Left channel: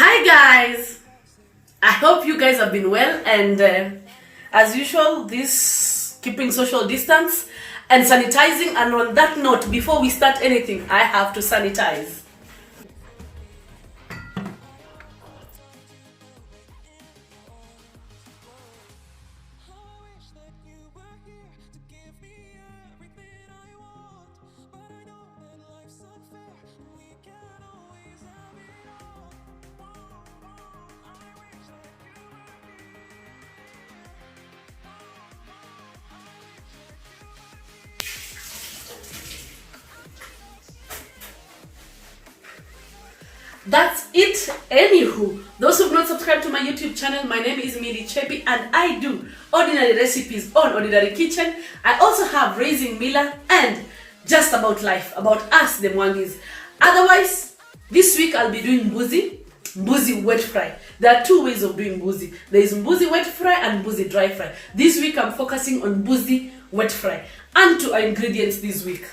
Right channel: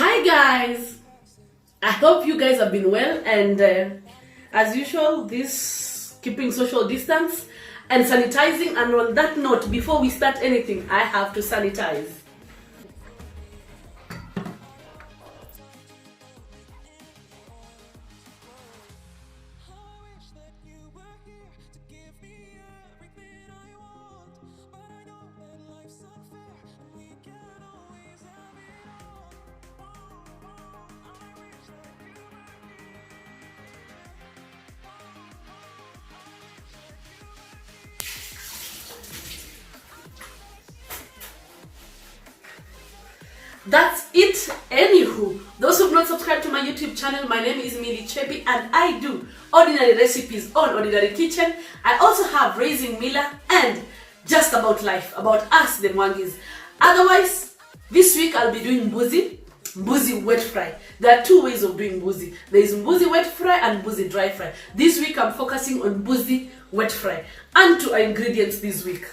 Hi guys, I hope you guys have been well, and as usual, this keeping social distance and sanitizing. And on that note, before we start anything, I have to sanitize. That's it. Anywho, those who've not subscribed to my YouTube channel, my name is Chebby and I do ordinary recipes on Ordinary Kitchen. I also have Raising Mila and Just About Life, about us, the Mwangis. Otherwise, this week I'll be doing Mbuzi wet fry. There are two ways of doing Mbuzi. There is Mbuzi wet fry and Mbuzi dry fry. This week I'm focusing on Mbuzi wet fry. And to our ingredients this week.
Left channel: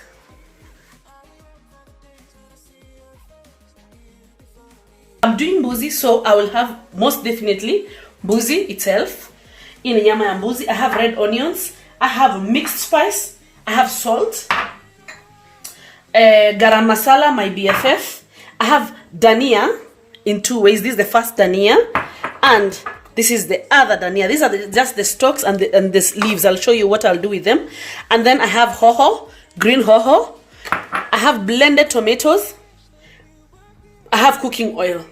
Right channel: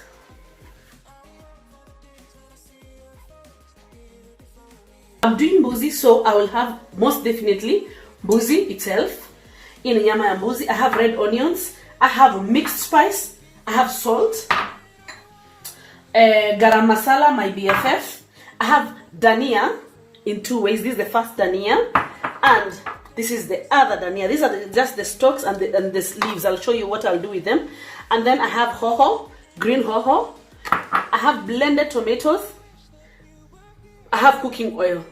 I'm doing Mbuzi, so I will have most definitely Mbuzi itself. In nyama ya Mbuzi, I have red onions, I have mixed spice, I have salt, garam masala, my BFF. I have dania in two ways. This is the first dania, and this is the other dania. These are just the stalks and the leaves. I'll show you what I'll do with them. And then I have hoho, green hoho. I have blended tomatoes. I have cooking oil.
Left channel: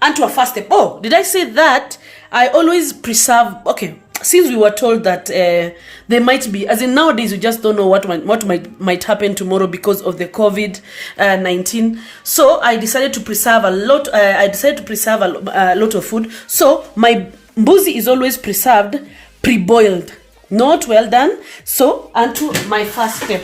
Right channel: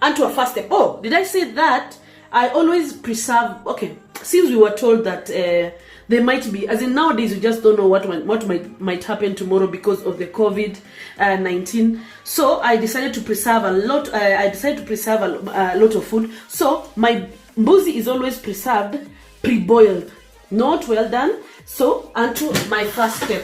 And to a first step. Oh, did I say that? I always preserve. Okay, since we were told that there might be, as in nowadays, we just don't know what might happen tomorrow because of the COVID-19. So I decided to preserve a lot. I decided to preserve a lot of food. So my Mbuzi is always preserved, pre-boiled, not well done. So onto my first step.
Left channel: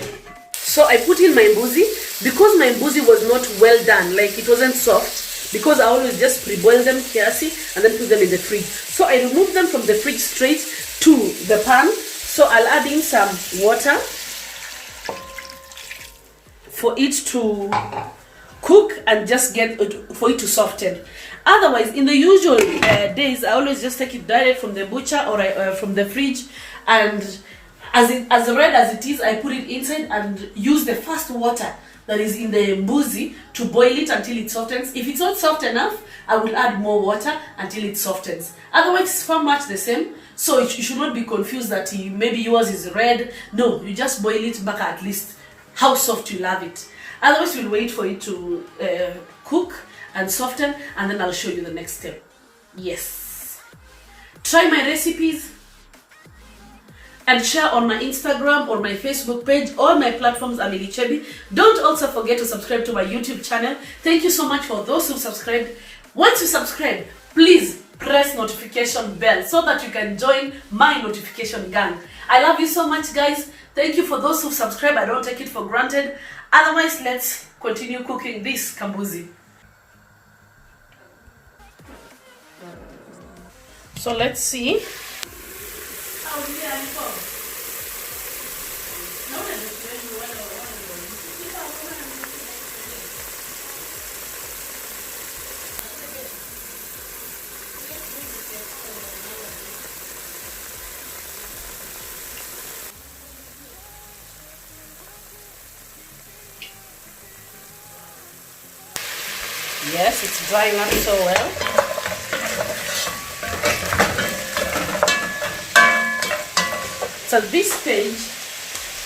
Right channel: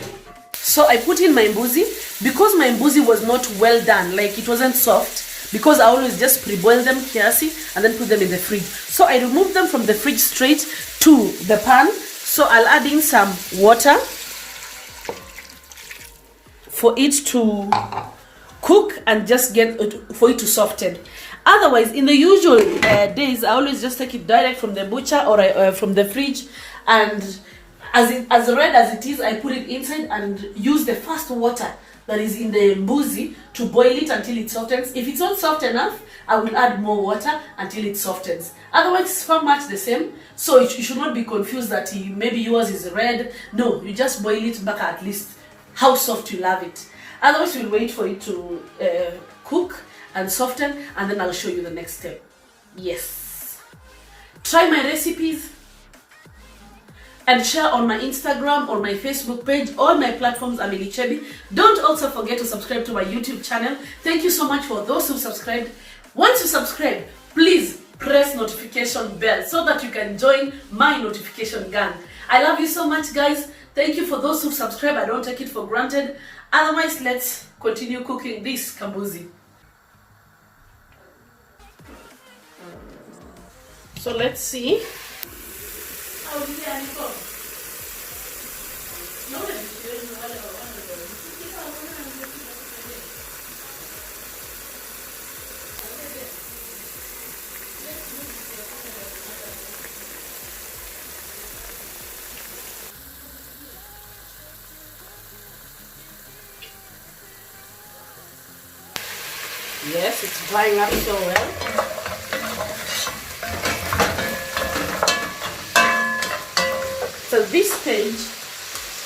So I put in my Mbuzi because my Mbuzi was not well done, like it wasn't soft. Because I always just pre-boil them kiasi and then put them in the fridge. So I remove them from the fridge straight to the pan. So I'll add in some water for it to cook and just for it to soften. Otherwise, in the usual days, I always just take it direct from the butcher or from the fridge, and as red as it is, I put it inside and use the first water that is in the Mbuzi to boil it until it softens. If it's not soft enough, I will add more water until it softens. Otherwise, it's very much the same. So you should not be confused that maybe yours is red. No, you just boil it back at least how soft you love it. Otherwise, we'll wait for it to cook and soften, and then I'll show you the next step. Yes. Try my recipes and share on my Instagram or my Facebook page. All my platforms are Chebby. Don't also forget to subscribe to my YouTube channel. Thank you so much for those who subscribed. Once you subscribe, please press notification bell so that you can join my notification gang. I love you so much, guys. Thank you for those who subscribe. I don't take it for granted. Otherwise, let's continue cooking this Mbuzi. So let's see. Yes, it's drying up so well. So this stage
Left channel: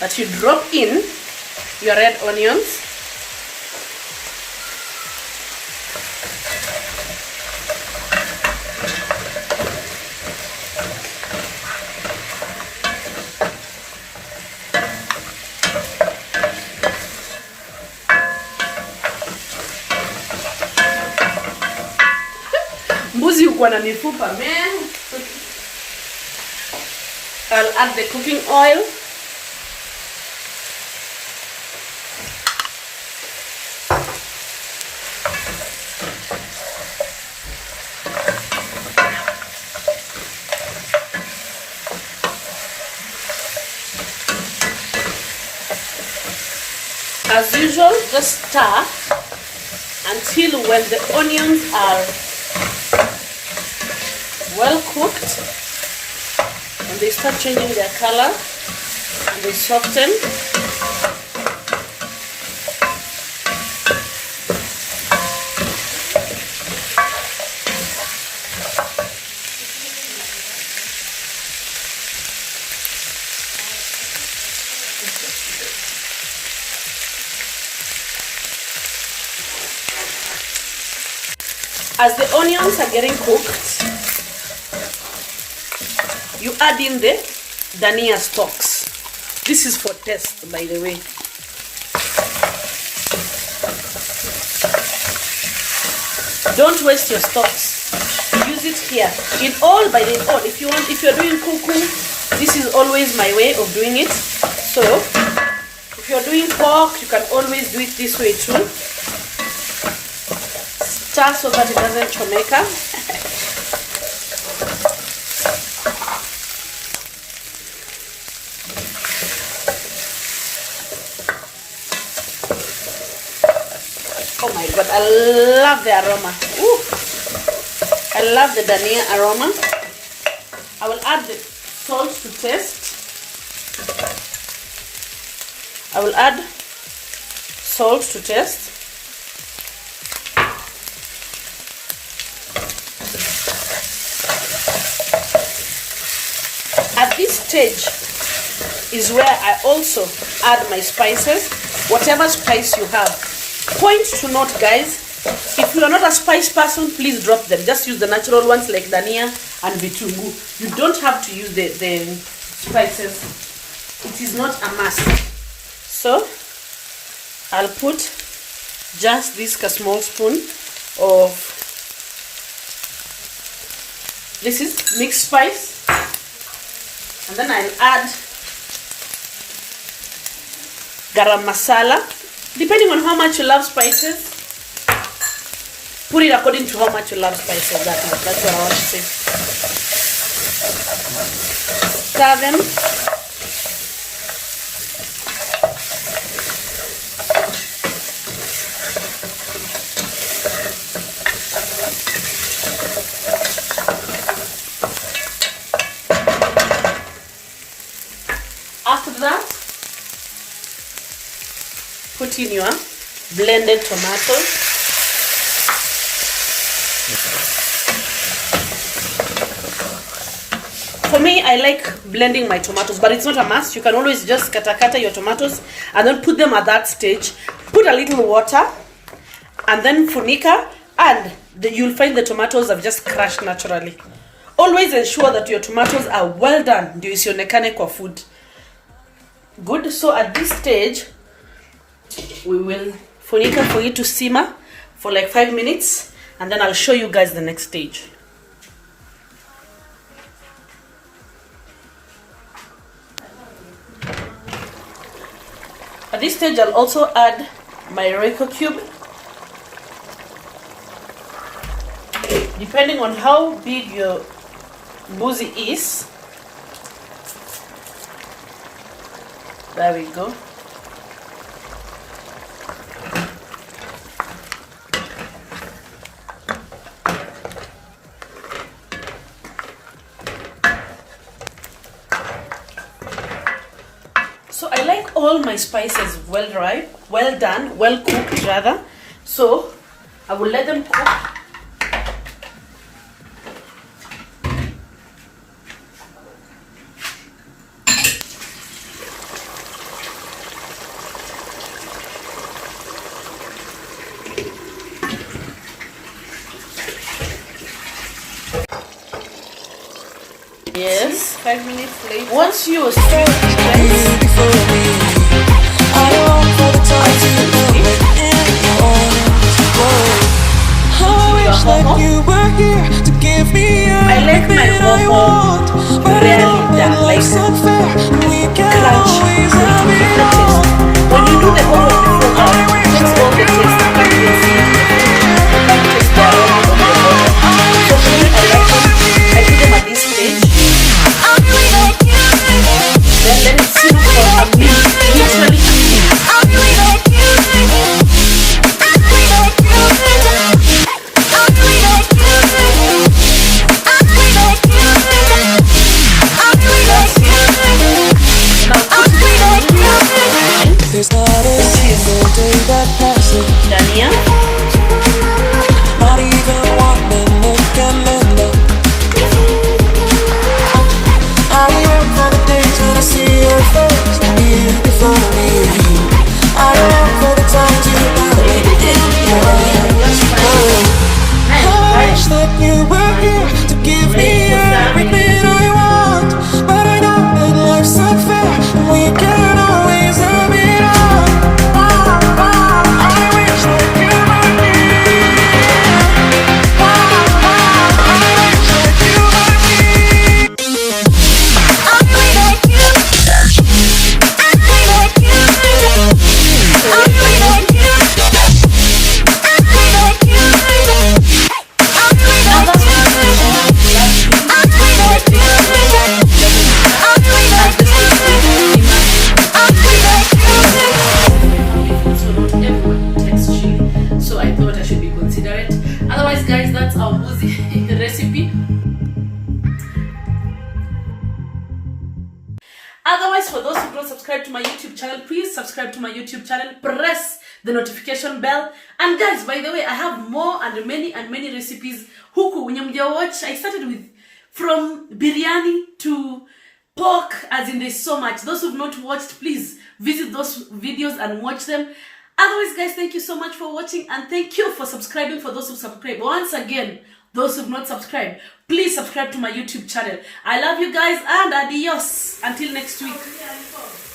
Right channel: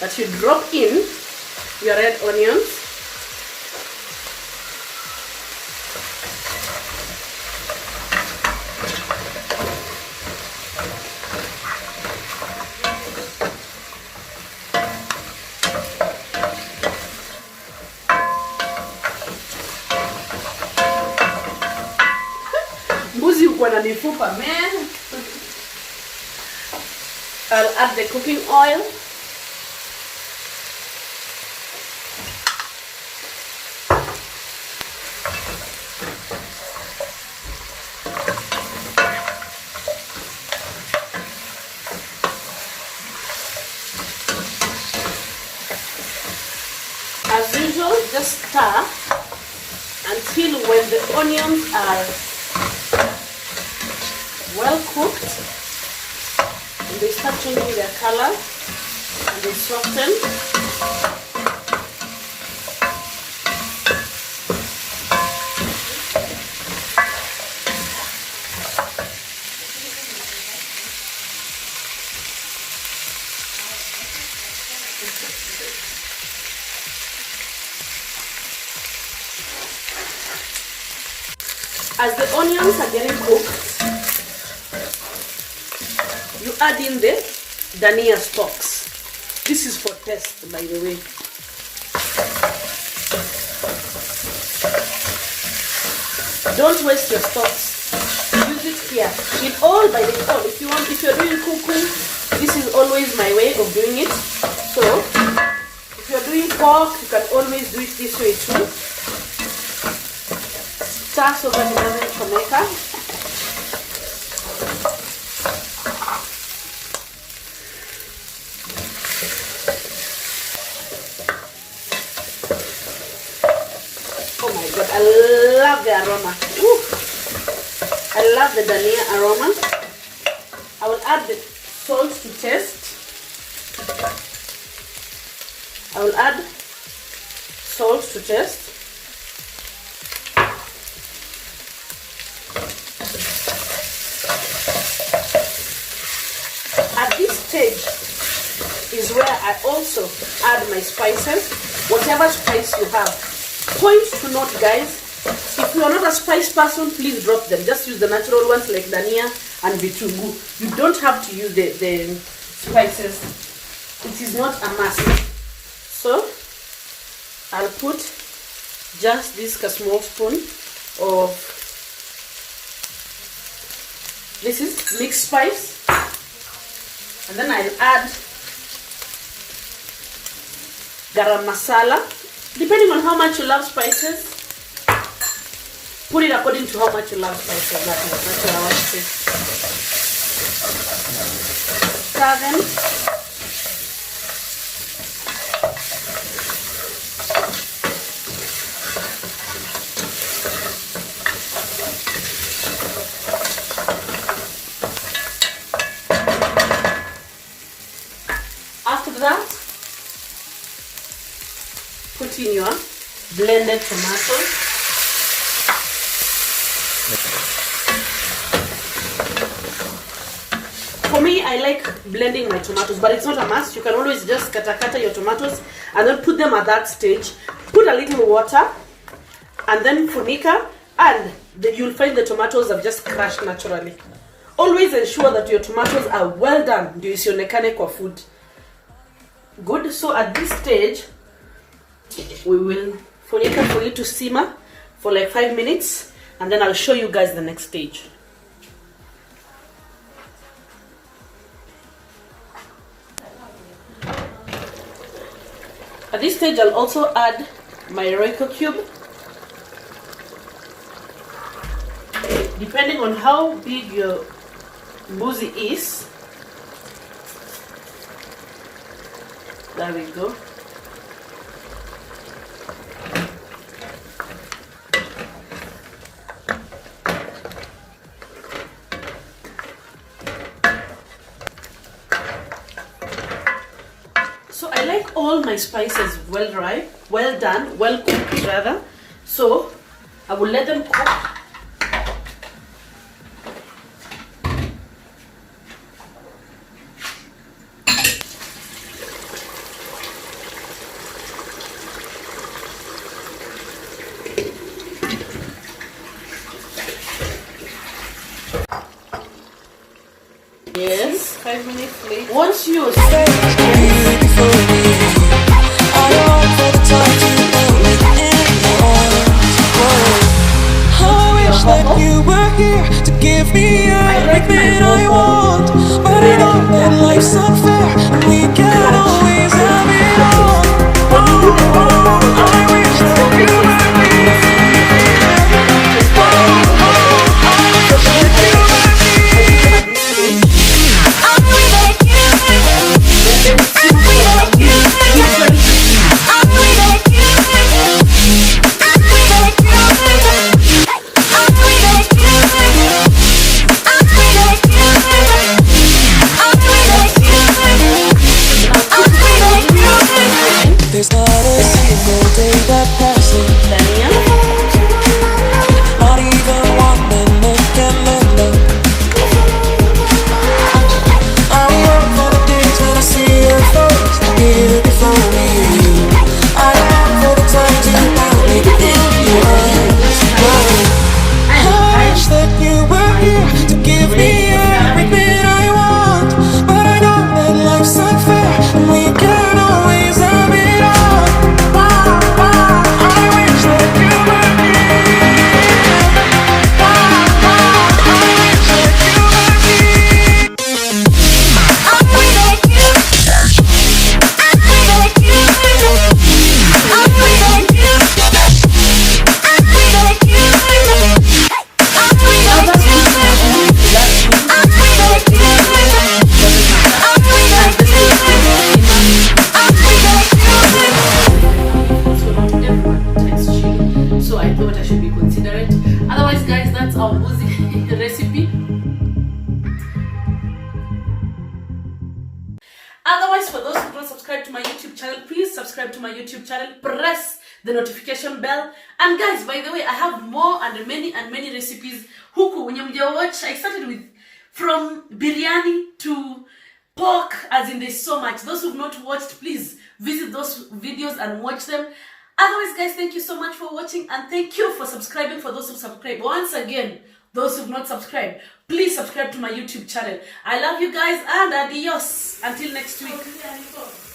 that you drop in your red onions, Mbuzi uko na mifupa man. I'll add the cooking oil. As usual, just stir until when the onions are well cooked and they start changing their color and they soften. As the onions are getting cooked, you add in the dhania stalks. This is for taste, by the way. Don't waste your stalks. Use it here. In all, by default, if you're doing kuku, this is always my way of doing it. So, if you're doing pork, you can always do it this way too. Stir so that it doesn't chomeka. Oh my god, I love the aroma. Ooh. I love the dhania aroma. I will add the salt to taste. I will add salt to taste. At this stage is where I also add my spices, whatever spice you have. Point to note, guys, if you are not a spice person, please drop them. Just use the natural ones like dhania and vitungu. You don't have to use the spices. It is not a must. So I'll put just this small spoon of, this is mixed spice. And then I'll add garam masala. Depending on how much you love spices, put it according to how much you love spices. That's what I want to say. Stir them. After that, put in your blended tomatoes. For me, I like blending my tomatoes, but it's not a must. You can always just kata your tomatoes and then put them at that stage. Put a little water and then funika, and you'll find the tomatoes have just crushed naturally. Always ensure that your tomatoes are well done. Ndio isionekane kwa food. Good. So at this stage, we will funika for it to simmer for like 5 minutes, and then I'll show you guys the next stage. At this stage, I'll also add my Royco cube. Depending on how big your mbuzi is. There we go. So I like all my spices well done, well cooked rather. So I will let them cook. Yes, 5 minutes later. Once you before me, I long for the time to melt within your arms. How I wish that you were here to give me everything I want, but I know that life's unfair and we can't always have it all. I wish that you were here. I wish that you were here. I maybe consider it. Otherwise, guys, that's our Mbuzi recipe. Otherwise, for those who don't subscribe to my YouTube channel, please subscribe to my YouTube channel, press the notification bell. And guys, by the way, I have more and many recipes. Huku, when you watch, I started with from biryani to pork, as in there's so much. Those who've not watched, please visit those videos and watch them. Otherwise, guys, thank you so much for watching, and thank you for subscribing for those who subscribe. Once again, those who've not subscribed, please subscribe to my YouTube channel. I love you guys, and adios. Until next week.